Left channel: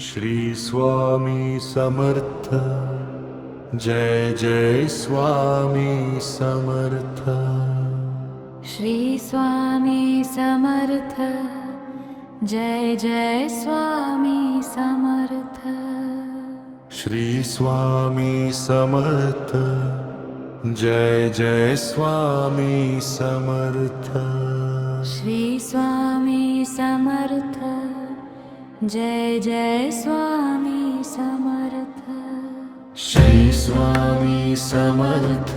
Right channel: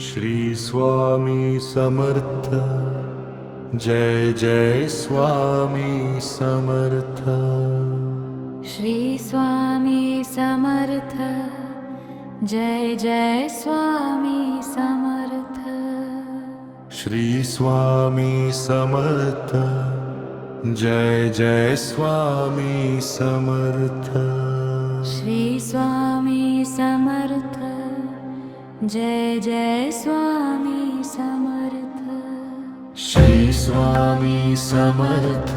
Shri Swami Samarth. Jai Jai Swami Samarth. Shri Swami Samarth. Jai Jai Swami Samarth. Shri Swami Samarth. Jai Jai Swami Samarth. Shri Swami Samarth. Jai Jai Swami Samarth. Shri Swami Samarth.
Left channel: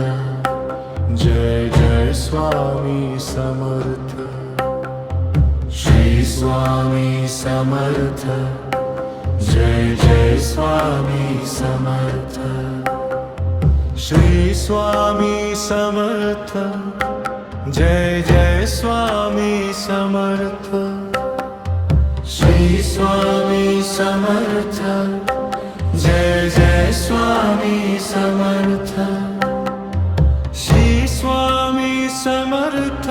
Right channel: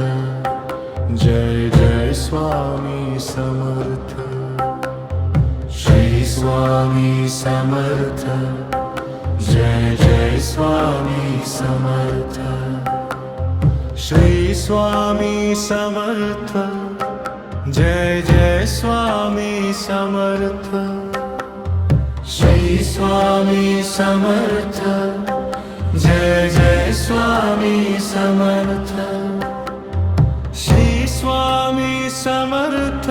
Jai Jai Swami Samarth. Shri Swami Samarth. Jai Jai Swami Samarth. Shri Swami Samarth. Jai Jai Swami Samarth. Shri Swami Samarth.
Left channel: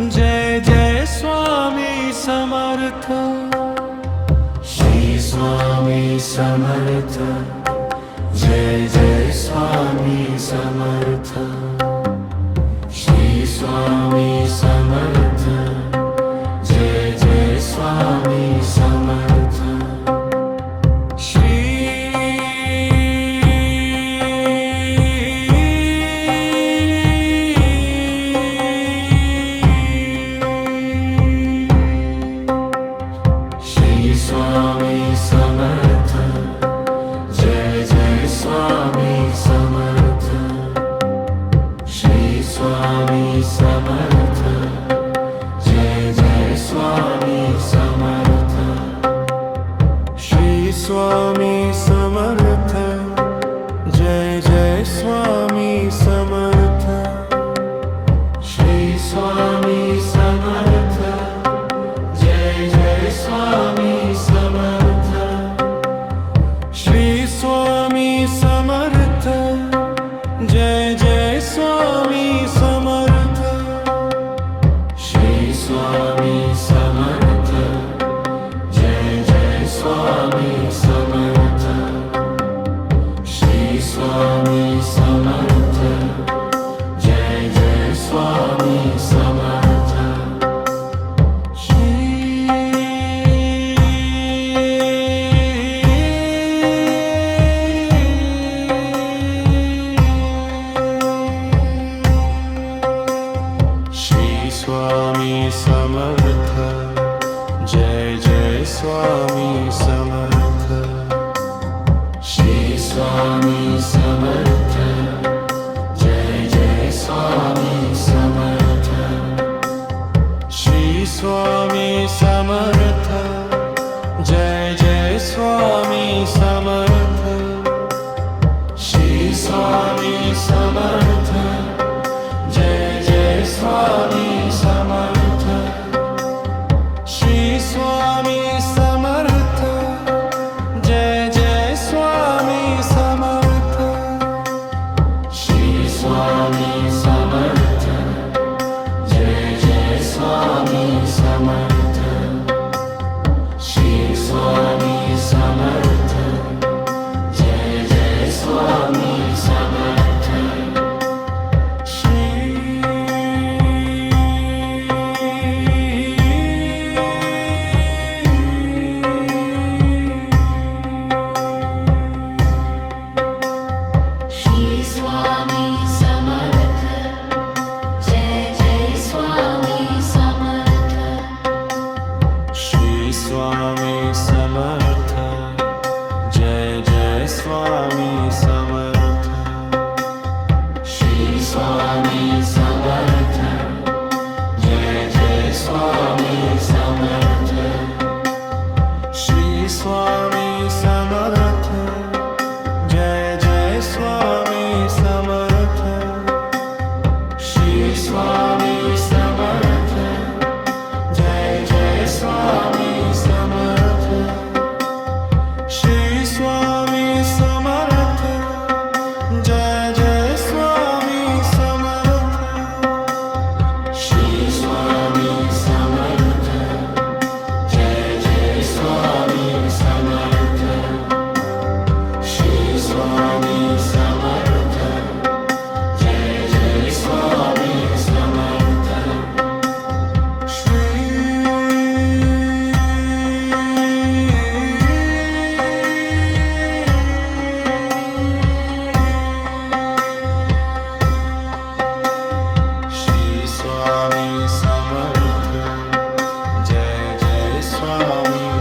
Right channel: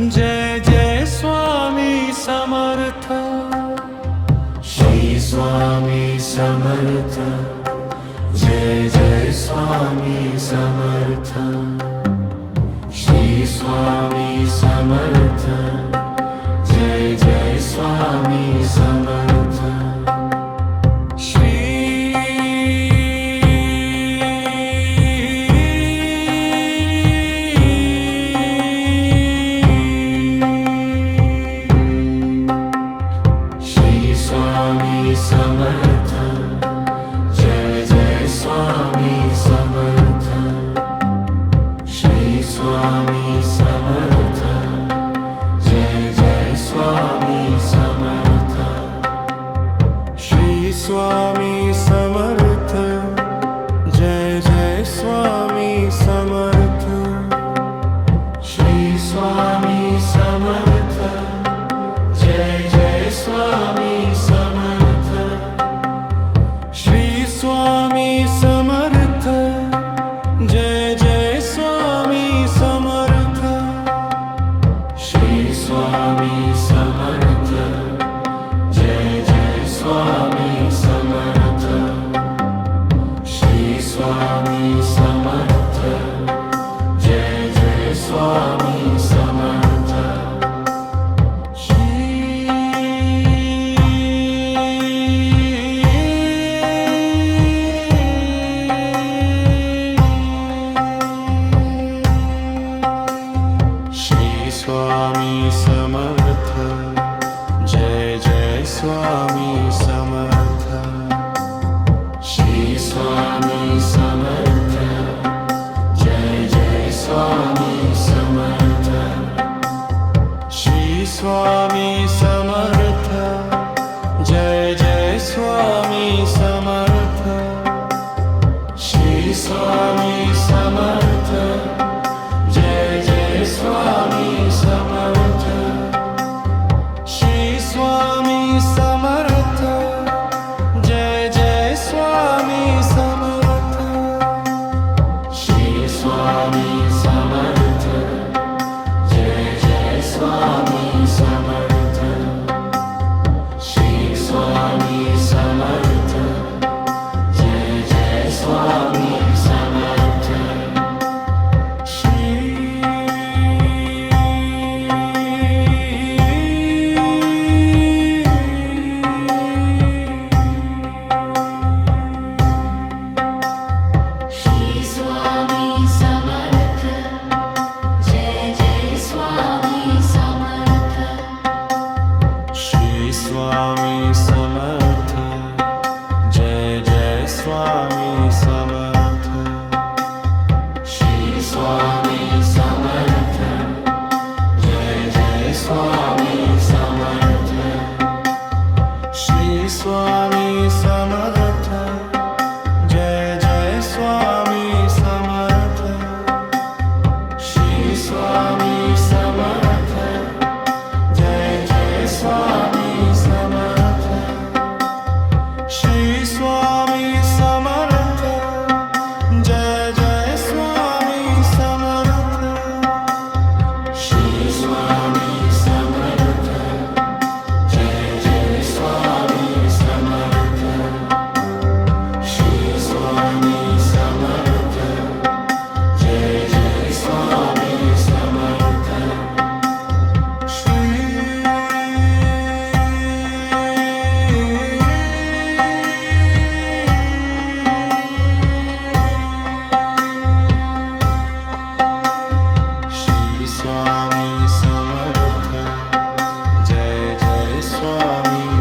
Jai Jai Swami Samarth. Shri Swami Samarth. Jai Jai Swami Samarth. Shri Swami Samarth. Jai Jai Swami Samarth. Shri Swami Samarth. Jai Jai Swami Samarth. Shri Swami Samarth. Jai Jai Swami Samarth. Shri Swami Samarth. Jai Jai Swami Samarth. Shri Swami Samarth. Jai Jai Swami Samarth. Shri Swami Samarth. Jai Jai Swami Samarth. Shri Swami Samarth. Jai Jai Swami Samarth. Shri Swami Samarth. Jai Jai Swami Samarth. Shri Swami Samarth. Jai Jai Swami Samarth. Swami Samarth. Jai Jai Swami Samarth. Shri Swami Samarth. Jai Jai Swami Samarth. Shri Swami Samarth. Jai Jai Swami Samarth. Shri Swami Samarth. Jai Jai Swami Samarth. Shri Swami Samarth. Jai Jai Swami Samarth. Shri Swami Samarth. Jai Jai Swami Samarth. Shri Swami Samarth. Jai Jai Swami Samarth. Swami Samarth. Jai Jai Swami Samarth. Shri Swami Samarth. Jai Jai Swami Samarth. Shri Swami Samarth. Jai Jai Swami Samarth. Shri Swami Samarth. Jai Jai Swami Samarth. Shri Swami Samarth. Jai Jai Swami Samarth. Shri Swami Samarth. Jai Jai Swami Samarth.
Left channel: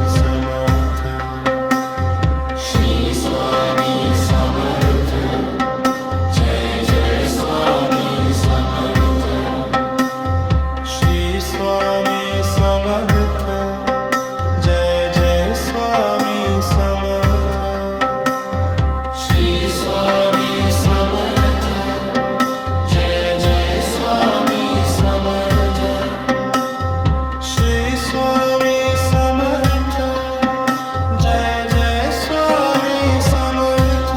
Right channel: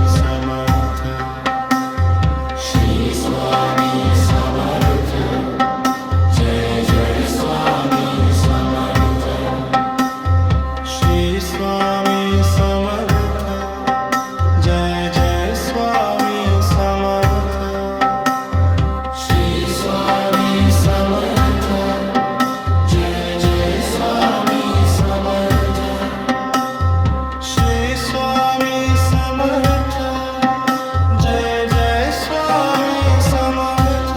Samarth Shri Swami Samarth Jai Jai Swami Samarth Shri Swami Samarth Jai Jai Swami Samarth Shri Swami Samarth Jai Jai Swami Samarth Shri Swami Samarth Jai Jai Swami Samarth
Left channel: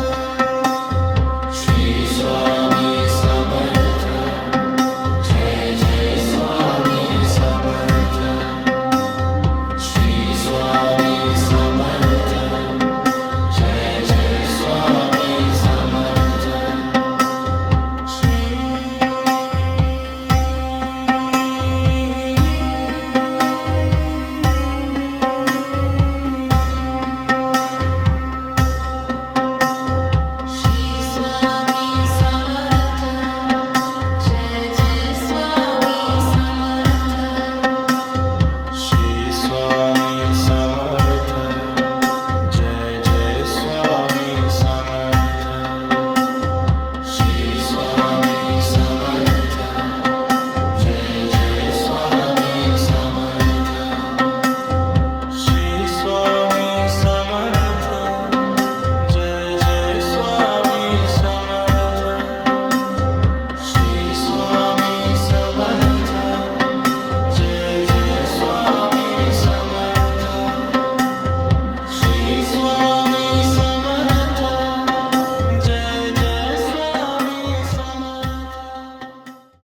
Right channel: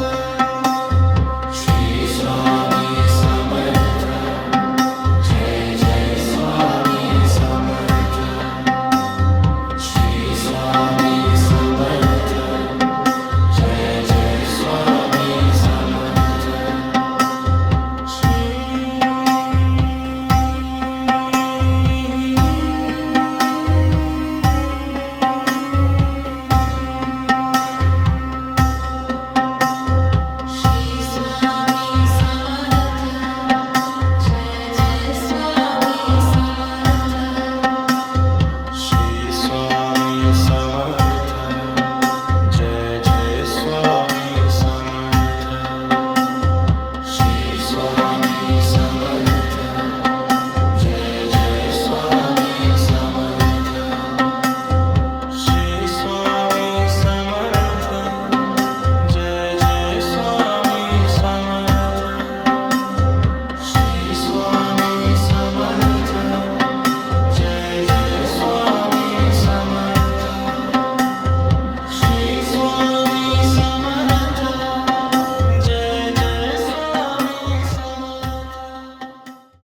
Shri Swami Samarth Jai Jai Swami Samarth Shri Swami Samarth Jai Jai Swami Samarth Shri Swami Samarth Jai Jai Swami Samarth Shri Swami Samarth Jai Jai Swami Samarth Shri Swami Samarth Jai Jai Swami Samarth Shri Swami Samarth Jai Jai Swami Samarth Shri Swami Samarth Jai Jai Swami Samarth Shri Swami